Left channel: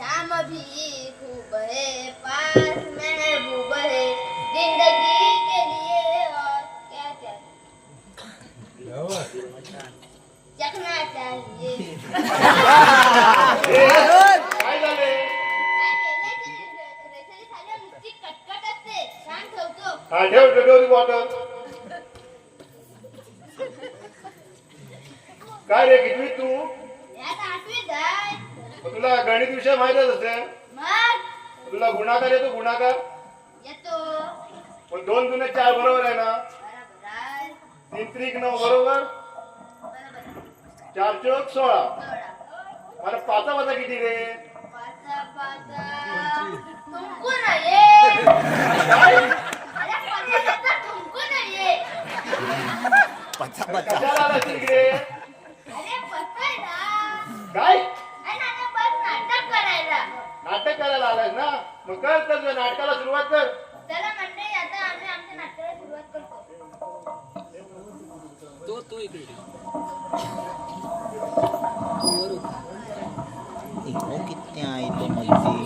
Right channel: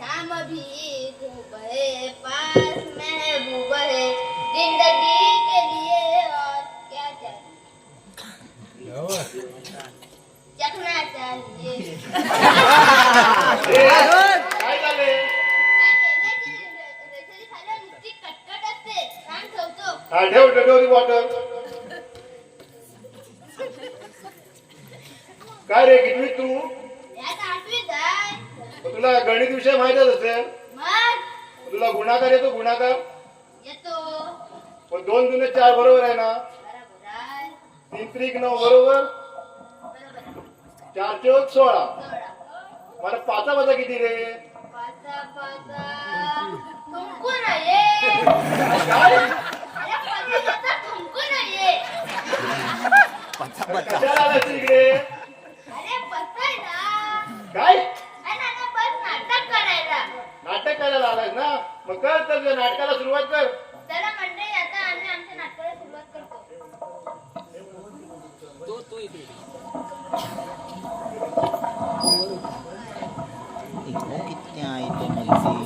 शाम भी खूब है, पास महबूब है, जिंदगी के लिए और क्या चाहिए, चखना चाहिए। काय झाले काय केलंय ते रेषेने खाली नुसती कटकट असते, छान ठेवतो. हा ठेव ठेव बॉटल काय रे कितवी तू यात आठवीत आहे. तुला गणित विषय माहितच असेल मग तुला गुणाकार येतो गुणाकार येतो. मग 2 दुने 4 बरोबर आहे ना बरोबर आहे. 3 त्रिक 9 बरोबर बरोबर आहे. 4 चौक 16 सोडा. मला पाचा वजा किती रे पाचा पाचा थुंकू नये. काय अरे पाचा पाचा थुंकू नये. कशाला आलास इकडे अरे बसाय ना. काय अरे नाना बस नाटक करायला. नाटक करायला आलास ना मग कर तुझ्या नाटकाला सुरुवात कर चला मंडळी आता आम्ही आमच्या नाटकाला सुरुवात करतो. कितने आई तो मच्छी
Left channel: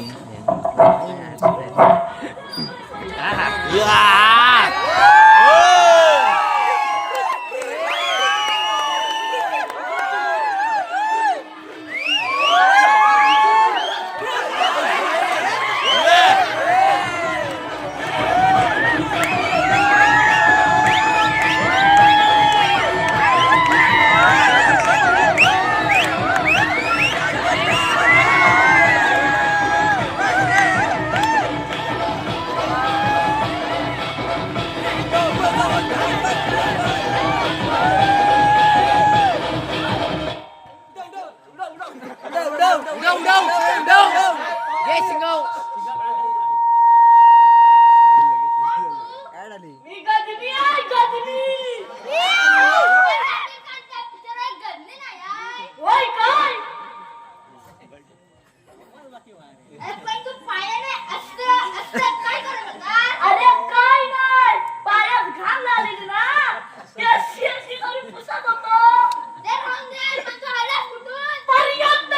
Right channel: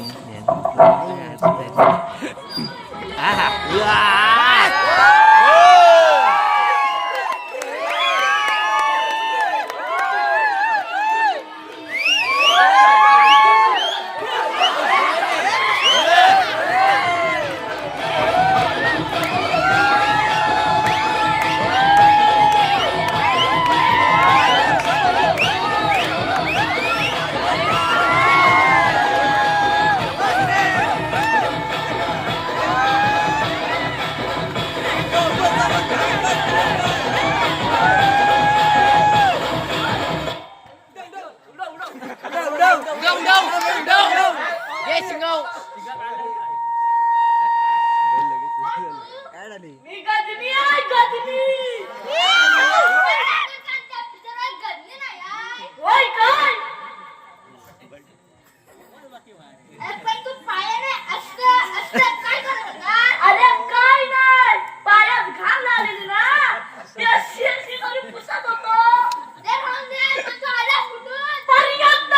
मी गजनी आहे गजनी. गजनी नाही आहे. होय काय? अरे पण तू पायाने असं असं काय करत होता? अरे काय नाही, पायात घाम लागलेली ना, ते शिरशी करून पुसत होतो. ते राहून दे, पण तू आला कुठून? पर्यंत.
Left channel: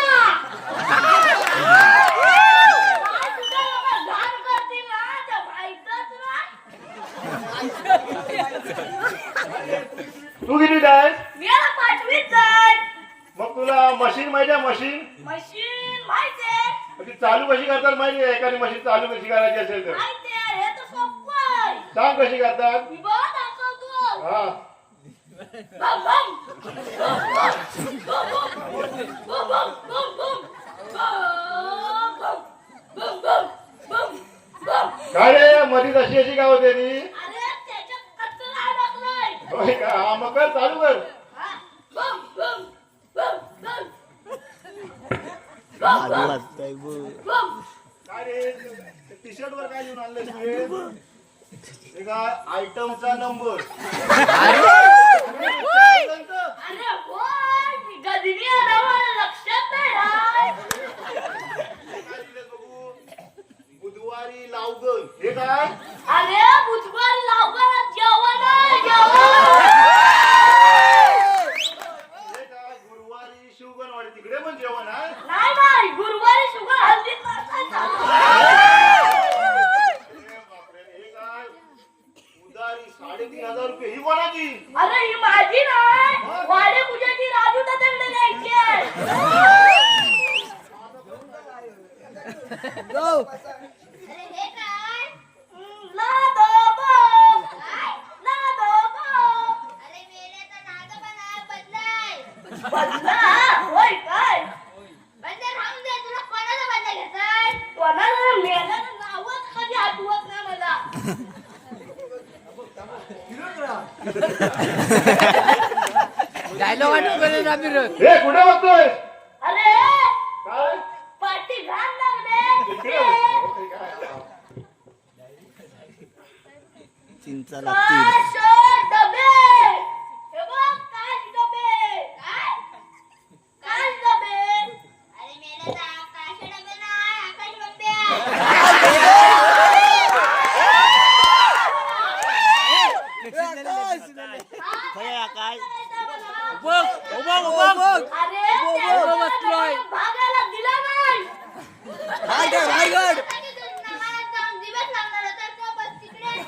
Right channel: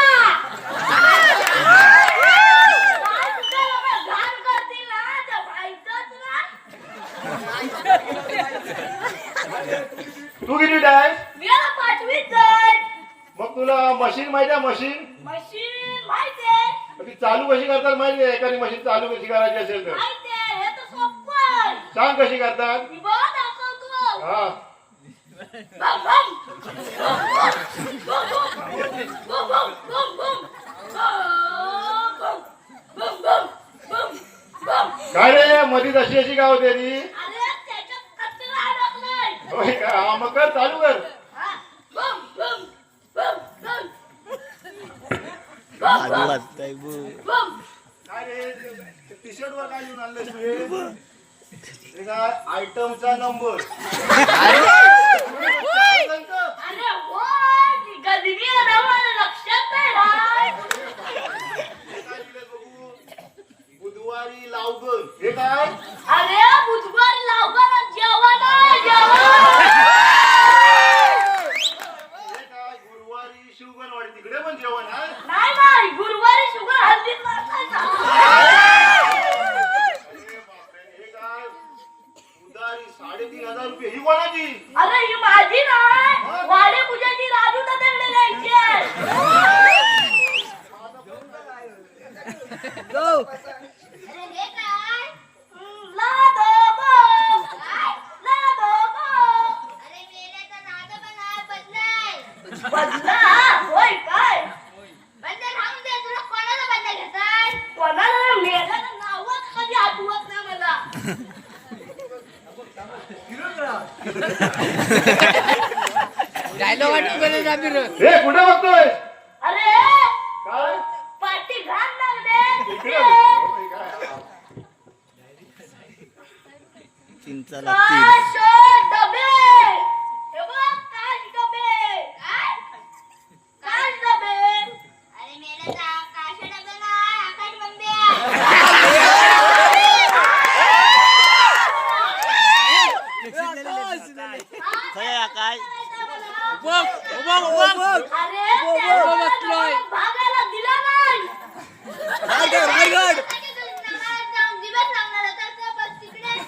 काय तुझ्या एवढं घाण करतील ना, ते माहीतच नाही. तू किती आहेस मी आता 5वीत जाईन. मग तुला मशीन माहिती आहे मशीन मशीन माहितीये. मग ती चालू कशी करतात माहिती आहे एखादी मशीन चालू कशी करायची असेल तर माहितीये, हे तर सोपं आहे. सांग कशी करतात मी बघा दाखवतो. हा बम, बम. बम, बम, बम, बम, बम. बम, बम, बम, बम. काय रे मधीच अशी अशी काय होते ती अरे त्याच्यात कचरा अडकलाय. होय का? हा, मग कर चालू कर हा. बम, बम, बम, बम. आजू वाजताय बम. काय रे टी शर्ट वर काय लिहून आणलं तू हे काय आयटमचा नंबर अरे होय, ती गजनी आहे ना, मला लक्षात नाही. बुधवारी लावगर हे काय अरे बुधवार लवकरच जेवण आहे, जेवण. हे काय गुरुवारी शिवगणवाडी तिकडे पण जेवण आहे नाही नाही, गुरुवारी शुगर हल्दीत नसायचा. अरे बापरे हे काय उधारी 3,500 रुपये ही कोणाची अरे ही माझी नाही, वाडे पूजाची राजू दादाकडे जायची आहे. अरे हे काय? नादोबो. काय? नादोबो. अरे मेल्याचा नादोबा नाव बदलाय. बदला? होय काय? बदला राहून दे, तुला कोणाचा बदला घेताय? कोणाला मेल्याचं नावच कधी आठवत नाही मला. हे कुठे बघतोय अरे काय पाठी घाण लागले. इकडे बघतोय. काय? चिंचा लागतील काश डबे. हे बघ, काश डबे. काय? काश डबे. अरे मेले जा, काश डबे नाही, आकाश बंबे आहे. काय आकाश अरे त्याला भागायला दिला नाही.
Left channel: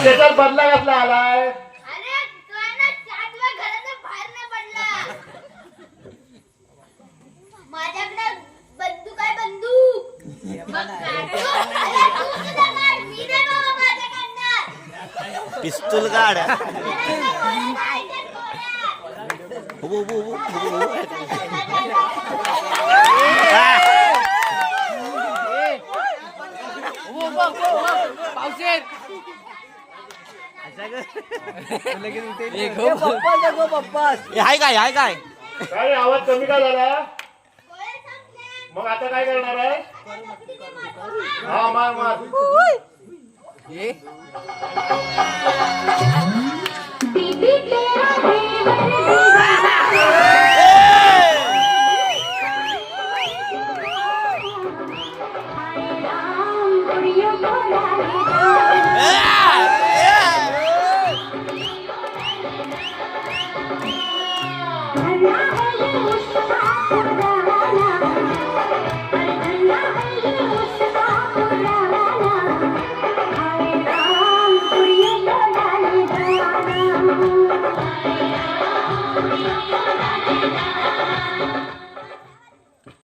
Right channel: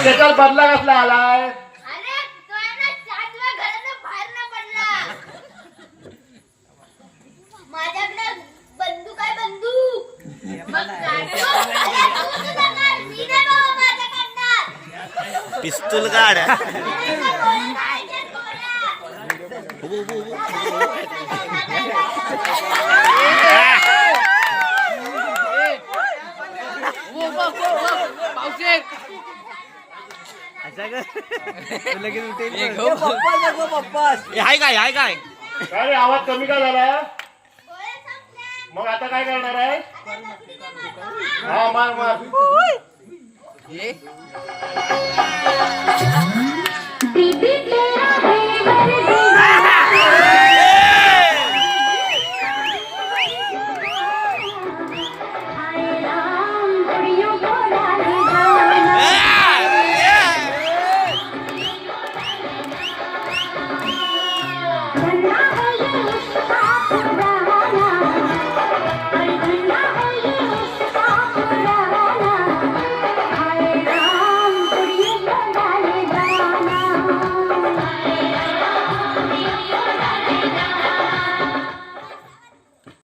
मग त्याच्यात बदला कसला आलाय? अरे तो आहे ना 4 दिवस घराच्या बाहेर न पडला. माझ्याकडे बंदूक आहे बंदूक. मग काढतो. अरे तू तुझा काढ. मी नाही बाबा माझ्या काढणार. पिस्तूल काढ. अरे त्या गोळ्या नाही, त्या गोळ्या. उभं, उभं, उभं, उभं. हाय काय काय आवाज कमी का झाला? गोळ्या संपल्या. मग आता काय करणार आहे? आता दगडीने मारतो, हा. हा मार मार. बीबी के